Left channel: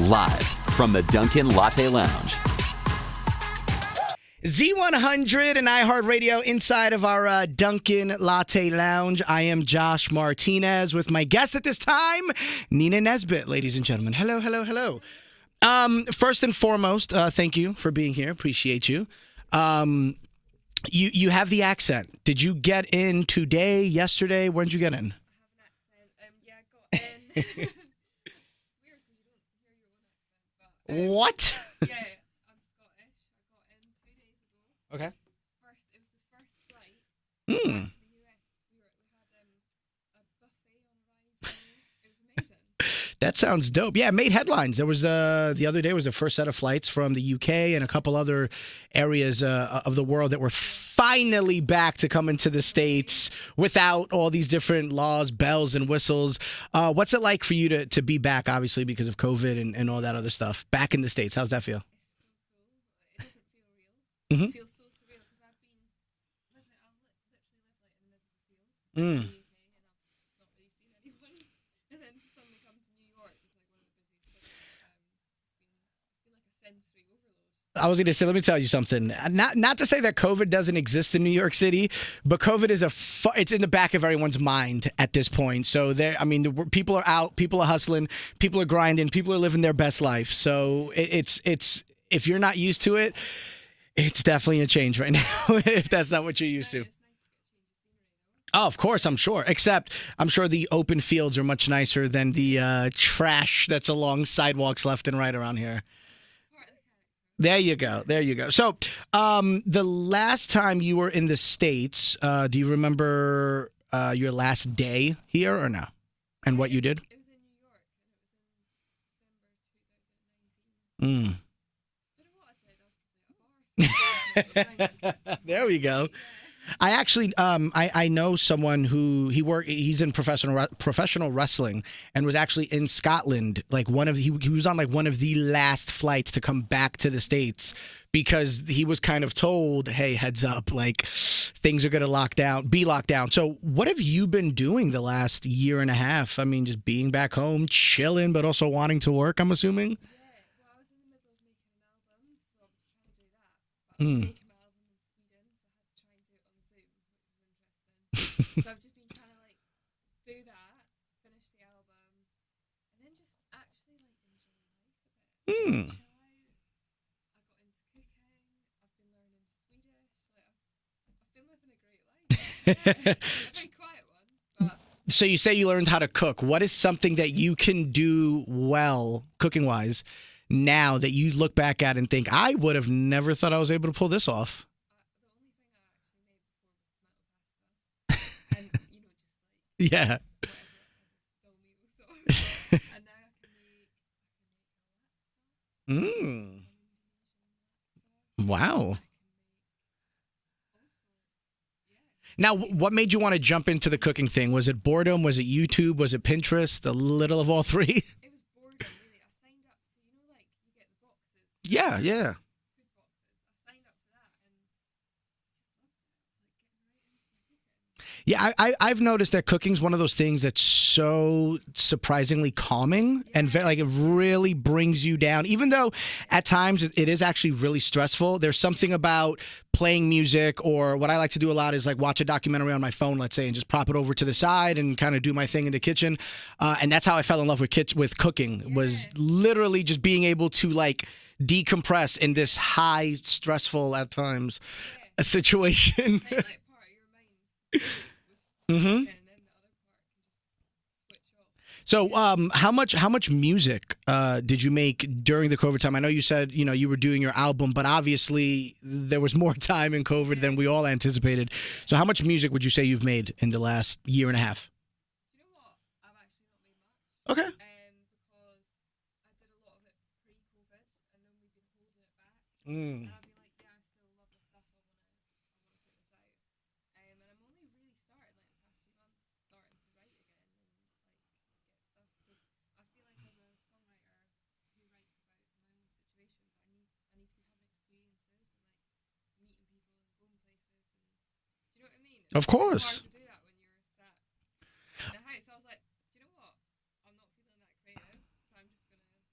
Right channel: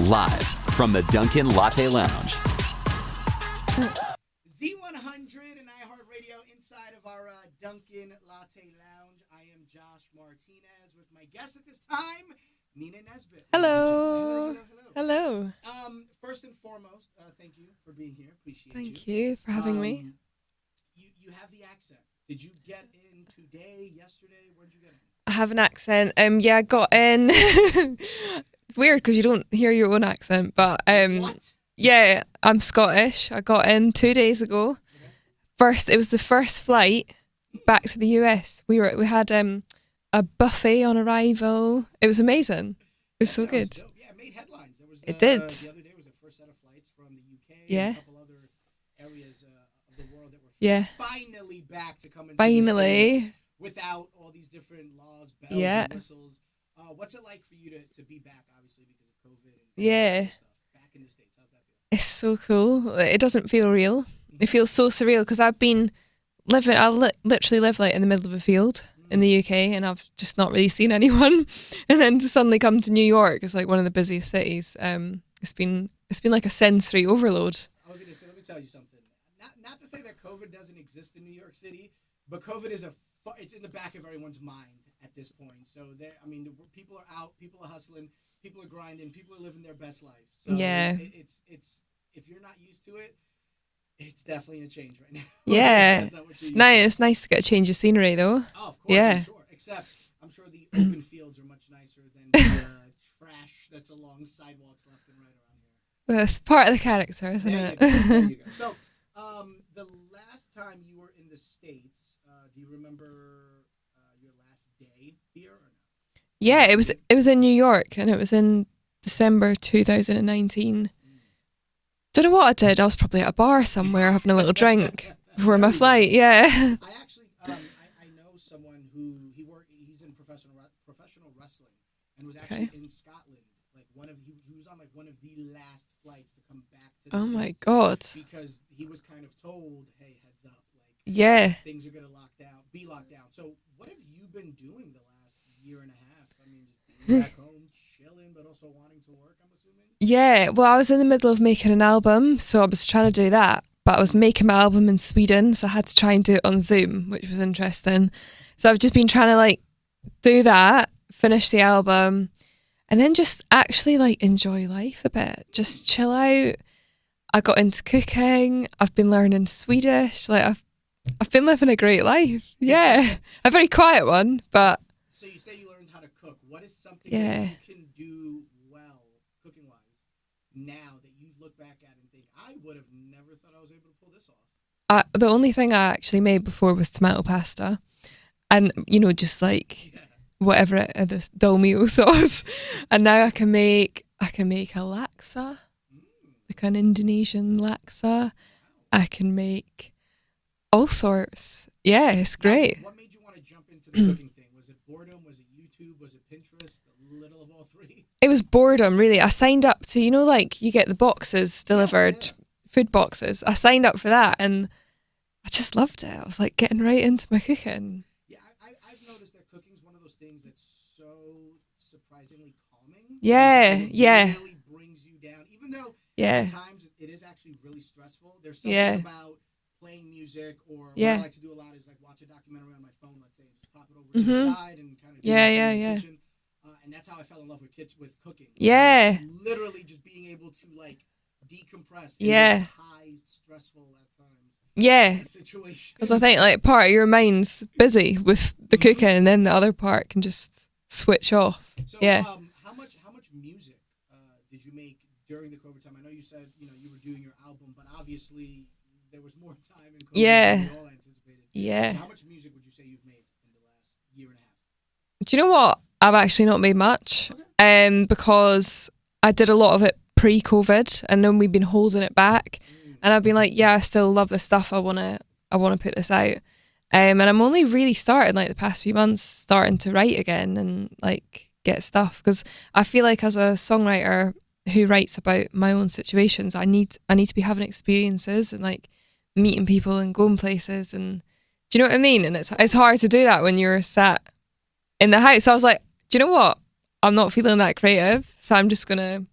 Live from the Dunkin Latte Lounge. Z100 and iHeartRadio inside of our Dunkin Latte Lounge. I am Josh Martinez with my guest at this time, Nina Nesbitt, ladies and gentlemen. Hello, hello, hello. Hello. First and foremost, thank you for being here. Appreciate you. Thank you for having me. You have the accent. Did you get in today, yesterday? When did you get in? I have an accent. Yeah, I got in. Weird because you don't hear your own accent, but What? Yeah, I'm Scottish. I got in 2 days ago. Okay. It was the first flight back to the US. We had a buffet on arrival. It was amazing. That sounds dope. Yeah, it made headlines. There was the other day was the first set of flights from the UK and a couple other areas of the world that were finally back to come into the States without all these different laws, bells and whistles. What's it like for you to be back, obviously, because of COVID and all that other stuff, back in the States? How's that feel? It's so cool. It doesn't feel real. It feels so surreal because I've been literally live like in the middle of a field in the UK, and I've just not really seen anyone. And then to suddenly come to New York, it's like one of the busiest cities. It's been like a sensory overload. I was going to say, let me tell you something. Not to say that COVID doesn't exist in New York City, but COVID is it's in the back of everyone's mind at this point. So people are out, people are hustling, people are grinding, people are living their best life. So it's if you're not used to it, it's definitely a change right now. Yeah. That's not what you're used to. It's nice to get a change of scenery, though. Oh, of course, I'm sure. Except, I'm sure the open fields are much nicer than the trash that's along sidewalks left and right around here. Well, it's part of the character. There you go. There you go. So, the last time you were in the States, do you remember your last day here or no? Yeah, it was in New York, and it was in December 2019. Don't know what I did. I was probably at a bar somewhere having a little drink before my flight. Yeah. I actually, I know someone who he's in professional wrestling and was actually in Scotland. Like he was on like one of the last flights to come back to the States. My God. Because he was kind of told, hey, heads up, like things are going to be locked down. So what have you been doing the last year and a half? I mean, just being back home, chilling, but also wanting to work, I'm assuming? Yeah. Well, I was in the middle of making an album. So I was trying to do that, but I was making my album in Sweden, so I had to try and do it on Zoom, which was interesting. So I've just been trying to like do that, finish the album, and then just actually like enjoy life a bit, just chill out. I got into cooking. I've been learning Swedish. Like I've been living a great life. Yeah, a very quiet one, but. So you say you learned how to cook. What is something that you can do well, cooking wise, now that you look back at and think, I would have never thought I was able to pull this off? The only thing I actually made before was tomato pasta. And, just like whatever this dolmio sauce. And now I can make a laksa, like an Indonesian laksa. Wow. I can make all sorts. Yeah, it's great. Now, what made you want to jump into the cooking thing? Was it boredom? Was it YouTube? Was it Pinterest? A little of all three? It was boredom, really. I signed up to, like you get the boxes delivered, food boxes. I signed up for that and I just loved it. I was like getting right into my cooking. Yeah, I've noticed that cooking's one of those things that's so surprisingly calming. Yeah, and really brings you down. Even though at times it is actually really stressful. There's something about playing music, or what I like to do a lot is like watch a documentary on my phone, let's say, and just prop it over to the side and kind of do my thing in the kitchen. And that's how I fell in love with cooking. Yeah. Was literally just being able to like decompress in this high, stressful at times situation. Because I think like part of your mind's busy with the cooking, and then the other part can just switch off. So how much music did you make during the COVID time? I know you said you were doing your album, but obviously there was more time in COVID than we all anticipated. So how much music would you say you've made in the last year and a half? Do you know what? I've actually not made much. Okay. Because I did a lot of it pre-COVID, and then we've been holding it back, and I've been like, I still love this stuff. I wanna put this out, and I'm only really starting like the past few months starting to write again and like get stuff, because I feel like as a songwriter who writes about my own situations, I need to be having experiences and like meeting people and going places, and do you know what I mean? And it's hard to do that when you're sat in the house. So I was like, do you know what? I'm not feeling that creative, so I'm just gonna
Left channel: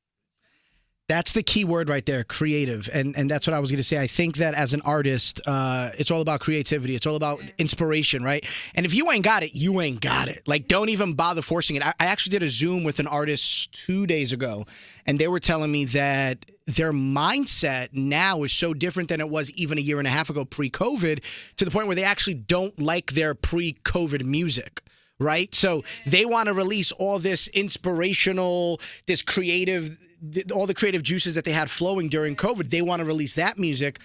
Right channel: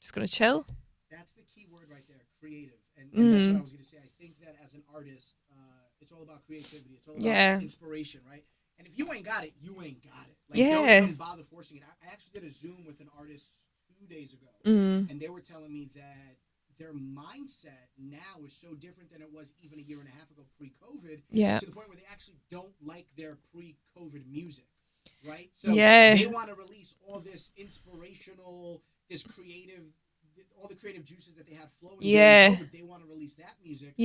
just gonna chill. That's the key word right there, creative. And that's what I was going to say. I think that as an artist, it's all about creativity. It's all about inspiration, right? And if you ain't got it, you ain't got it. Like, don't even bother forcing it. I actually did a Zoom with an artist 2 days ago, and they were telling me that their mindset now is so different than it was even a year and a half ago pre-COVID, to the point where they actually don't like their pre-COVID music. Right? So they want to release all this inspirational, this creative, all the creative juices that they had flowing during COVID. They want to release that music.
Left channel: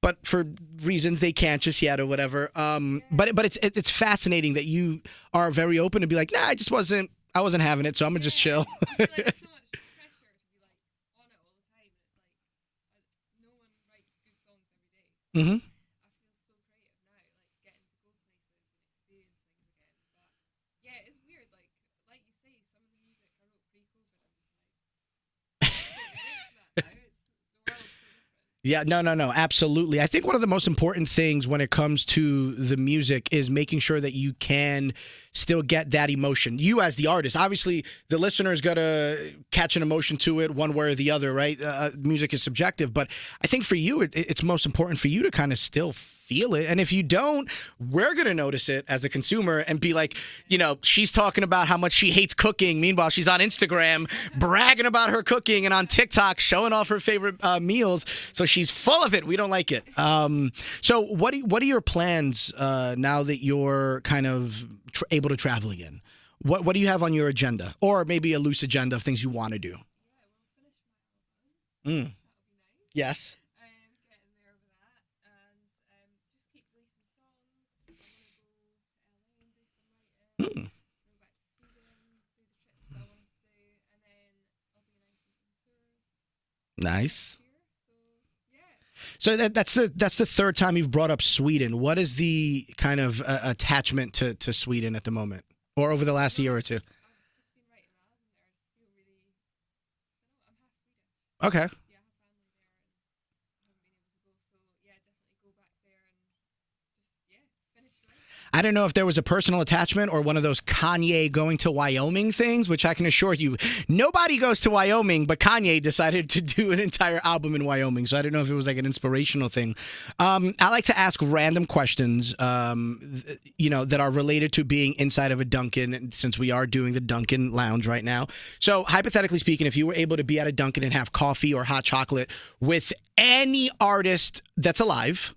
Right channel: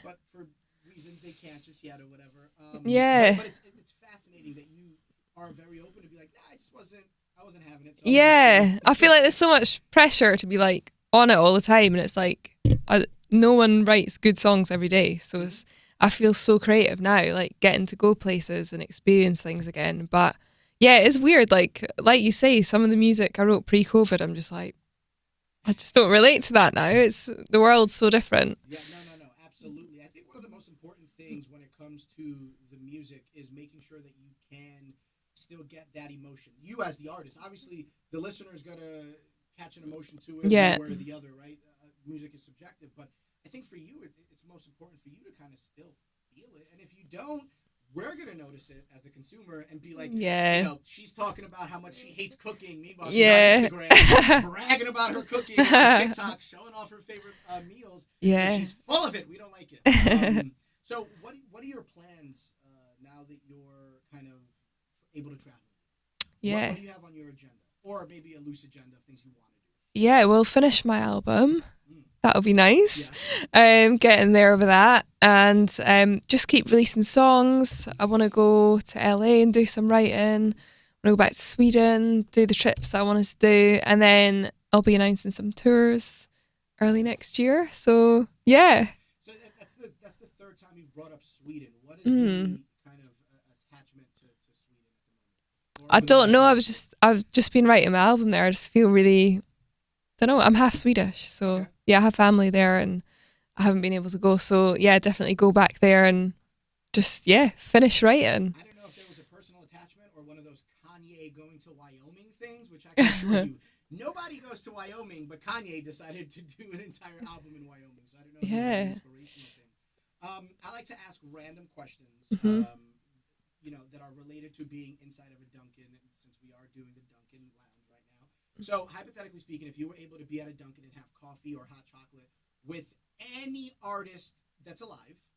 But for reasons they can't just yet or whatever. But it's fascinating that you are very open to be like, nah, I wasn't having it, so I'm gonna just chill. I feel like there's so much pressure to be like on it all the time, and it's like no one writes good songs every day. So I feel so creative now, like getting to go places and experience things again. But yeah, it's weird. Like you say, some of the music I wrote pre-COVID, I'm just like, I just don't relate to that now. It's the world's so different. Yeah, no, absolutely. I think one of the most important things when it comes to the music is making sure that you can still get that emotion. You as the artist, obviously the listener's got to catch an emotion to it one way or the other, right? Music is subjective, but I think for you, it's most important for you to kind of still feel it. And if you don't, we're going to notice it as a consumer and be like, you know, she's talking about how much she hates cooking. Meanwhile, she's on Instagram bragging about her cooking and on TikTok showing off her favorite meals. So she's full of it. We don't like it. So what are your plans now that you're kind of able to travel again? What do you have on your agenda? Or maybe a loose agenda of things you want to do? Yeah, we'll finish my album. That'll be nice. Yes. Getting there with that. And just keep releasing songs. I want to go to LA and do some writing. I want to go back to Sweden, do the trips that I wanted to do. And then I'll be announcing some tours early next year. So, yeah. So that's the third time you've brought up Sweden. What is the kind of attachment to Sweden at the moment? I don't know. I've just been writing my album there. I just feel really, don't know. I'm half Swedish, so yeah, I have family there, and I haven't been able to go. So yeah, definitely go back there and just finish writing. I don't know if there was a personal attachment or one of those Kanye going to Wyoming things, which I can assure you, nobody goes to Wyoming, but Kanye decided to do an entire album in Wyoming. So I don't know if it was like an inspirational thing. I like to ask random questions, you know, that are related to being inside of a Dunkin', since we are doing the Dunkin' Lounge right now. So hypothetically speaking, if you were able to be at a Dunkin' and have coffee or hot chocolate with any artist that's alive,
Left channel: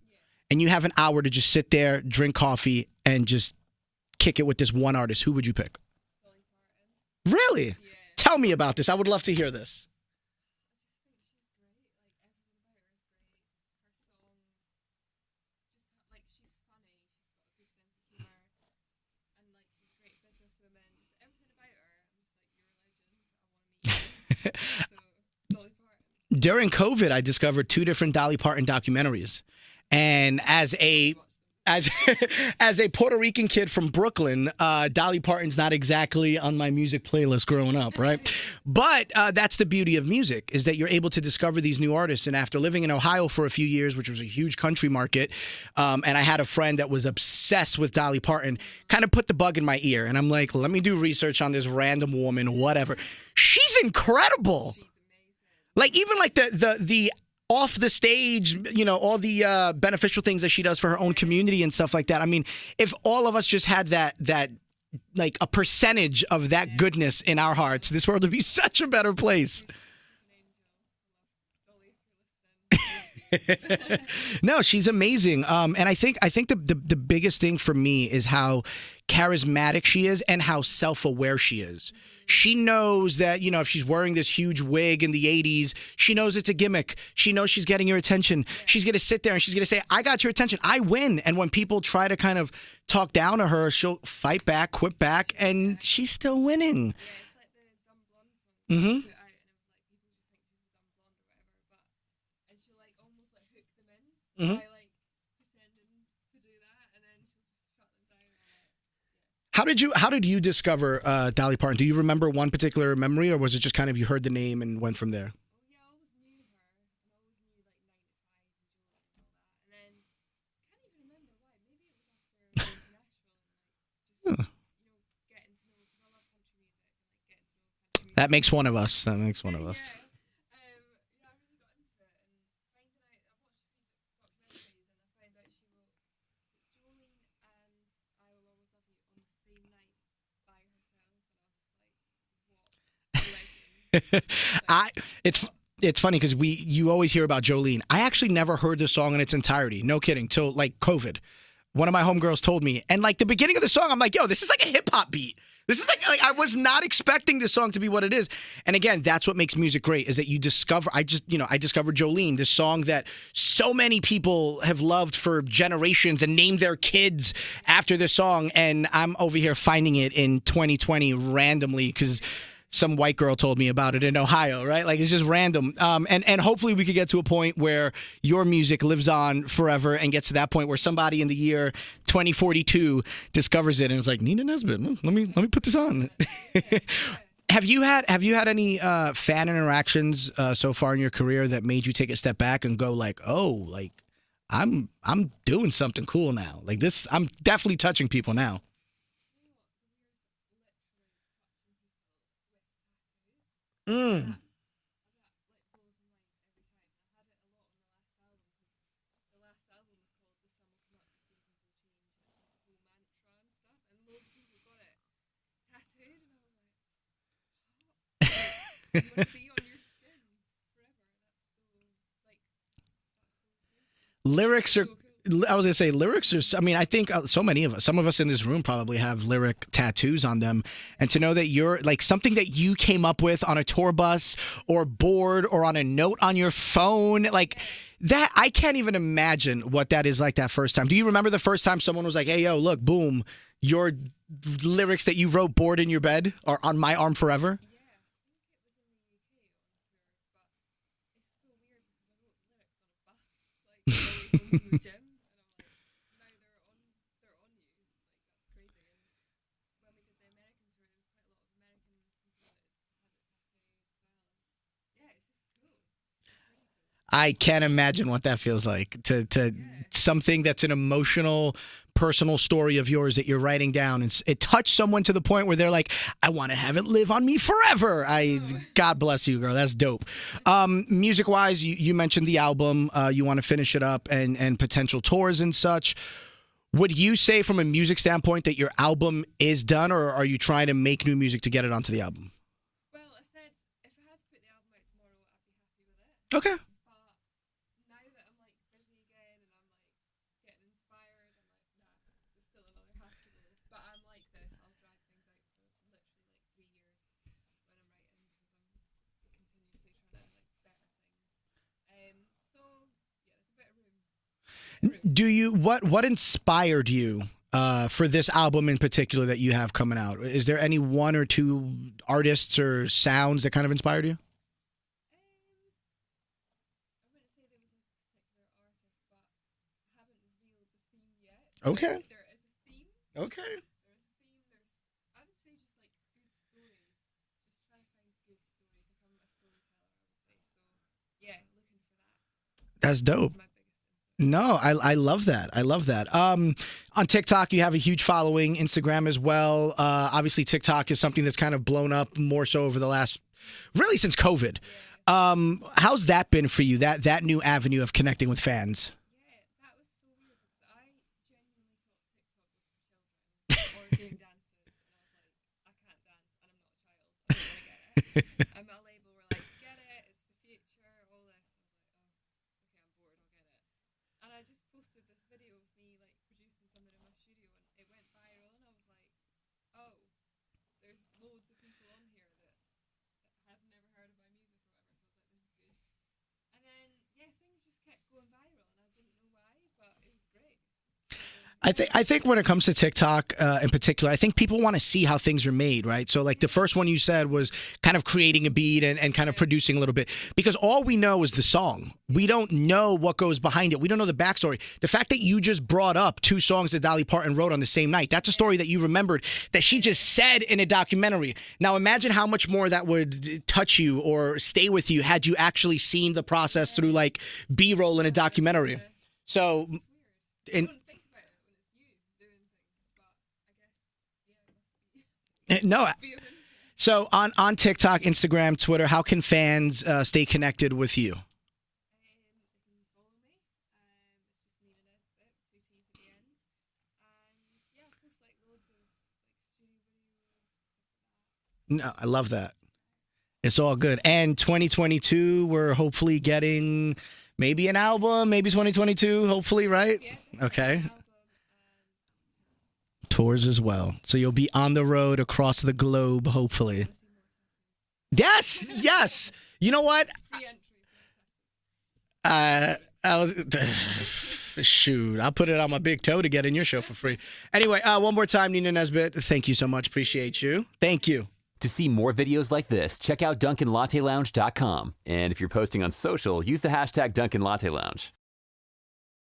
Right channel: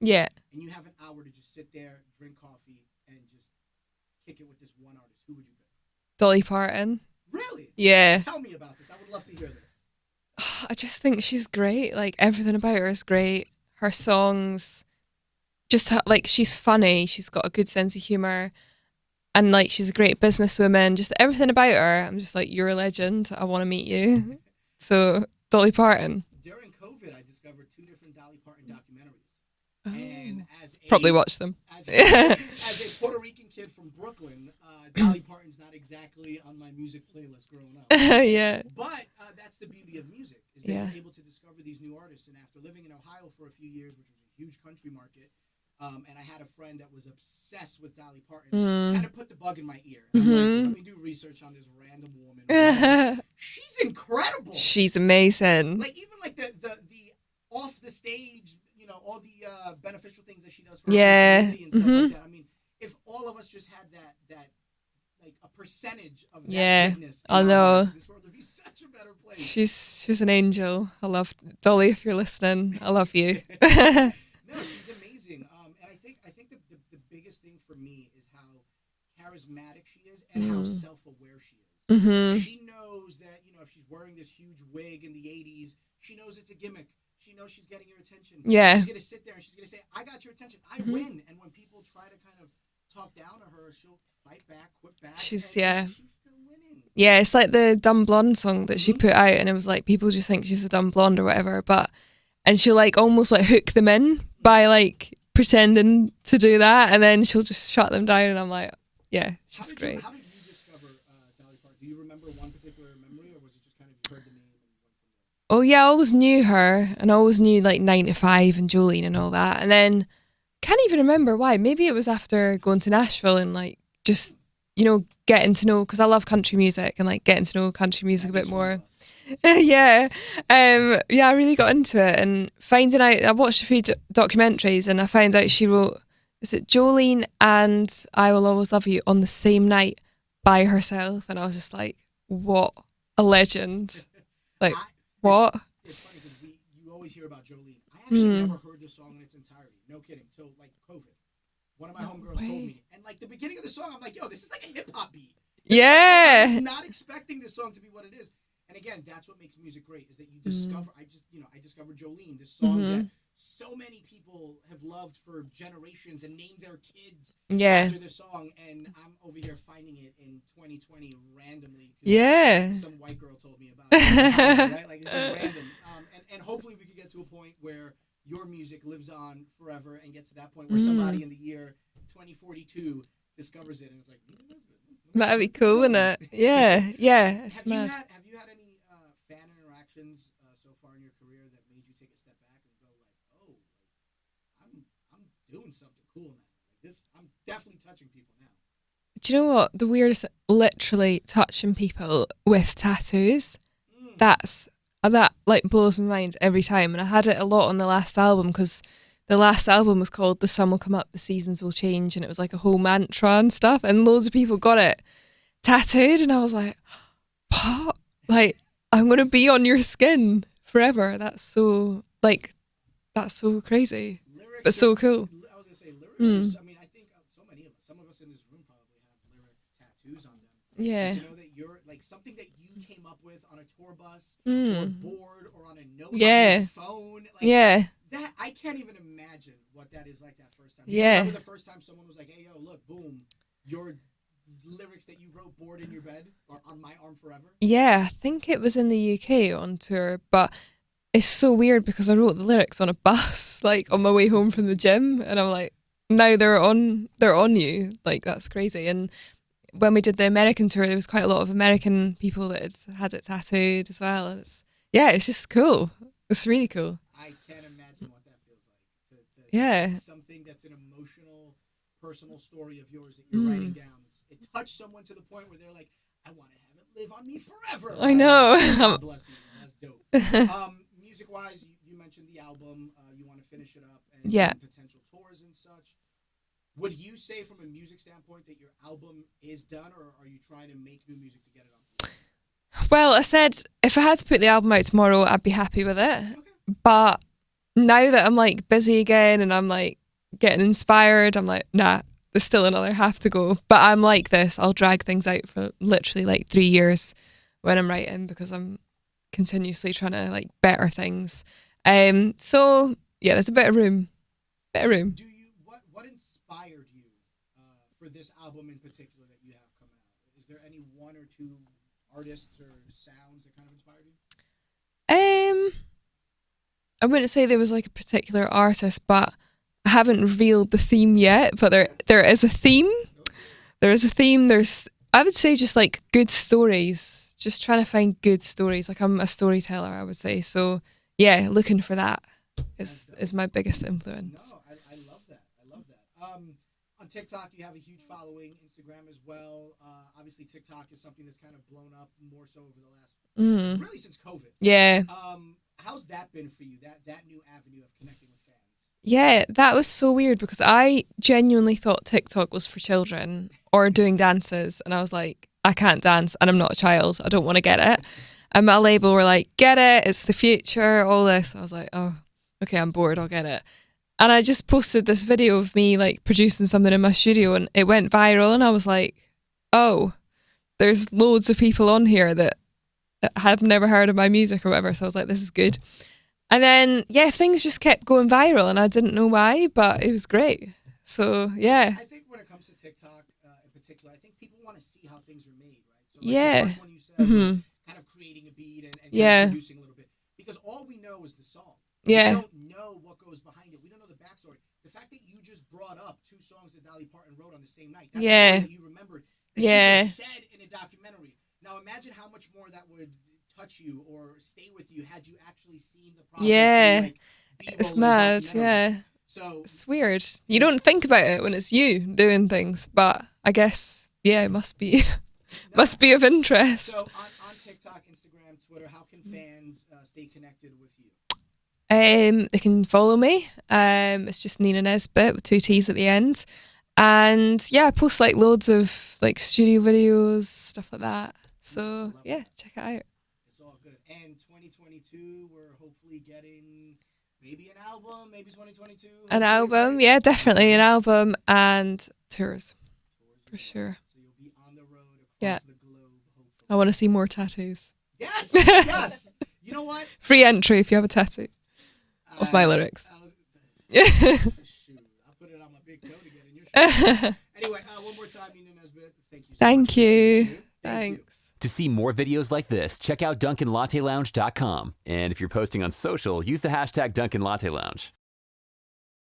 and you have an hour to just sit there, drink coffee, and just kick it with this one artist, who would you pick? Dolly Parton. Really? Yeah. Tell me about this. I would love to hear this. I just think she's great. Like, everything about her is great. Her songs, just like, she's funny. She's got a good sense of humor. And like, she's a great businesswoman. Just everything about her, I'm just like, you're a legend. I want to meet you. So, Dolly Parton. During COVID, I discovered 2 different Dolly Parton documentaries. And probably watch them as a Puerto Rican kid from Brooklyn, Dolly Parton's not exactly on my music playlist growing up, right? But that's the beauty of music, is that you're able to discover these new artists. And after living in Ohio for a few years, which was a huge country market, and I had a friend that was obsessed with Dolly Parton, kind of put the bug in my ear, and I'm like, let me do research on this random woman, whatever. She's incredible. She's amazing. Like, even like the off the stage, you know, all the beneficial things that she does for her own community and stuff like that. I mean, if all of us just had that like a percentage of that goodness in our hearts, this world would be such a better place. She's an angel. I love Dolly. If you're listening, I love you. No, she's amazing. And I think the biggest thing for me is how charismatic she is and how self-aware she is. She knows that, you know, if she's wearing this huge wig in the 80s, she knows it's a gimmick. She knows she's getting your attention. She's going to sit there and she's going to say, I got your attention. I win. And when people try to kind of talk down to her, she'll fight back, quit back, she's still winning. Yeah, it's like the Dumb Blonde song that she put out, and it was like, people just think she's a dumb blonde or whatever, and she'll like almost like hook them in by like pretending to do that, and then she'll just shut them down, and I'm like, How did you discover Dolly Parton? Do you remember one particular memory, or was it just kind of you heard the name and went from there? Oh yeah, I always knew her, and I always knew like 9 to 5 and Jolene and all that, and then can't even remember why. Maybe it was after going to Nashville and like just getting to know, because I love country music and like getting to know country music. That makes one of us. That makes one of us. Yeah. I really got into it and finding out, I watched a few documentaries and I found out she wrote, is it Jolene and I Will Always Love You on the same night by herself? And I was just like, what a legend. Like, what? It's funny because you always hear about Jolene. I actually never heard the song in its entirety. No kidding. Till like COVID. One of my homegirls told me. And like the beginning of the song, I'm like, yo, this is like a hip hop beat. I was not expecting this song to be what it is. And again, that's what makes music great, is that you discover, I discovered Jolene, this song that so many people have loved for generations and named their kids after this song. And I'm over here finding it in 2020 randomly because some white girl told me about it in Ohio, right? Like, it's just random. And hopefully we could get to a point where your music lives on forever and gets to that point where somebody in the year 2042 discovers it and it's like, Nina Nesbitt, let me put this on. Isn't it? Yeah, yeah. Have you had any fan interactions so far in your career that made you take a step back and go like, oh, like I'm doing something cool now. Like this, I'm definitely touching people now. Do you know what? The weirdest, literally touching people with tattoos. That like blows my mind every time. And I had it a lot on the last album because the last album was called The Sun Will Come Up, The Seasons Will Change, and it was like a whole mantra and stuff, and loads of people got it tattooed, and I was like, what? Like, I'm going to be on your skin forever. That's so crazy. Lyrics are so cool. I was going to say, lyrics are, I mean, I think so many of us, some of us in this room probably have lyric tattoos on them. Yeah. And to know that you're like something that you came up with on a tour bus or board or on a note on your phone, like that, I can't even imagine what that is like that first time. Do you remember the first time someone was like, hey, yo, look, boom, your lyrics that you wrote bored in your bed are on my arm forever? Yeah, I think it was in the UK on tour, but it's so weird because I wrote the lyrics on a bus, like on my way home from the gym, and I'm like, now they're on you, like that's crazy. And when we did the American tour, there was quite a lot of American people that had it tattooed as well. It's just cool. It's really cool. I can't imagine what that feels like to something that's an emotional, personal story of yours that you're writing down, and it touched someone to the point where they're like, I want to have it live on me forever. I know. God bless you, girl. That's dope. Music wise, you mentioned the album, you want to finish it up and potential tours and such. Would you say from a music standpoint that your album is done, or are you trying to make new music to get it onto the album? Well, I said if I had to put the album out tomorrow, I'd be happy with it. Okay. But now that I'm like busy again and I'm like getting inspired, I'm like, nah, there's still another half to go. But I'm like this, I'll drag things out for literally like 3 years when I'm writing because I'm continuously trying to like better things. So yeah, there's a bit of room. Do you, what inspired you for this album in particular that you have coming out? Is there any one or two artists or sounds that kind of inspired you? I wouldn't say there was like a particular artist, but I haven't revealed the theme yet, but there is a theme. Okay. There is a theme. I would say just like good stories, just trying to find good stories. Like I'm a storyteller, I would say. So yeah, looking for that. That's dope. Is my biggest influence. No, I love that. I love that. On TikTok, you have a huge following. Instagram as well. Obviously, TikTok is something that's kind of blown up more so over the last, really since COVID. Yeah. How's that been for you? That new avenue of connecting with fans? Yeah, that was so weird because I genuinely thought TikTok was for children or doing dances, and I was like, I can't dance and I'm not a child. I don't want to get it. And my label were like, get it. It's the future. All this. I was like, oh. Okay, I'm bored, I'll get it. And I just posted this video of me like producing something in my studio and it went viral and I was like, oh, there's loads of people on here that have never heard of my music or whatever. So I was like, this is good. And then, things just kept going viral and I didn't know why, but it was great. So, yeah. I think when it comes to TikTok in particular, I think people want to see how things are made, right? So, like the first one you said was kind of creating a beat and kind of producing a little bit. Because all we know is the song. We don't know what goes behind it. We don't know the backstory. The fact that you just brought up 2 songs that Dolly Parton wrote on the same night, that's a story that you remembered that she just said in a documentary. Now, imagine how much more that would touch you or stay with you had you actually seen the process through like B-roll in a documentary. So it's weird. You don't think about it when it's you doing things, but I guess Yeah, it must be. No, must be of interest. So on TikTok, Instagram, Twitter, how can fans stay connected with you? They can follow me. It's just Nina Nesbitt with 2 T's at the end. And yeah, I post like loads of like studio videos, stuff like that. So I love that. Check it out. It's all good. And 2022, we're hopefully getting maybe an album, maybe 2022, hopefully, an album, right? Yeah, definitely Okay. an album and tours. Tours as well. Sure. So you'll be on the road across the globe, hopefully. I want to see more tattoos. Yes, yes. You know what? Free entry if you have a tattoo. That's my lyrics. Shoot, I'll put it on my big toe to get in your show. Anyway, one more time, Nina Nesbitt. Thank you so much. Appreciate you. Thank you. To see more videos like this, check out DunkinLatteLounge.com. And if you're posting on social, use the hashtag DunkinLatteLounge.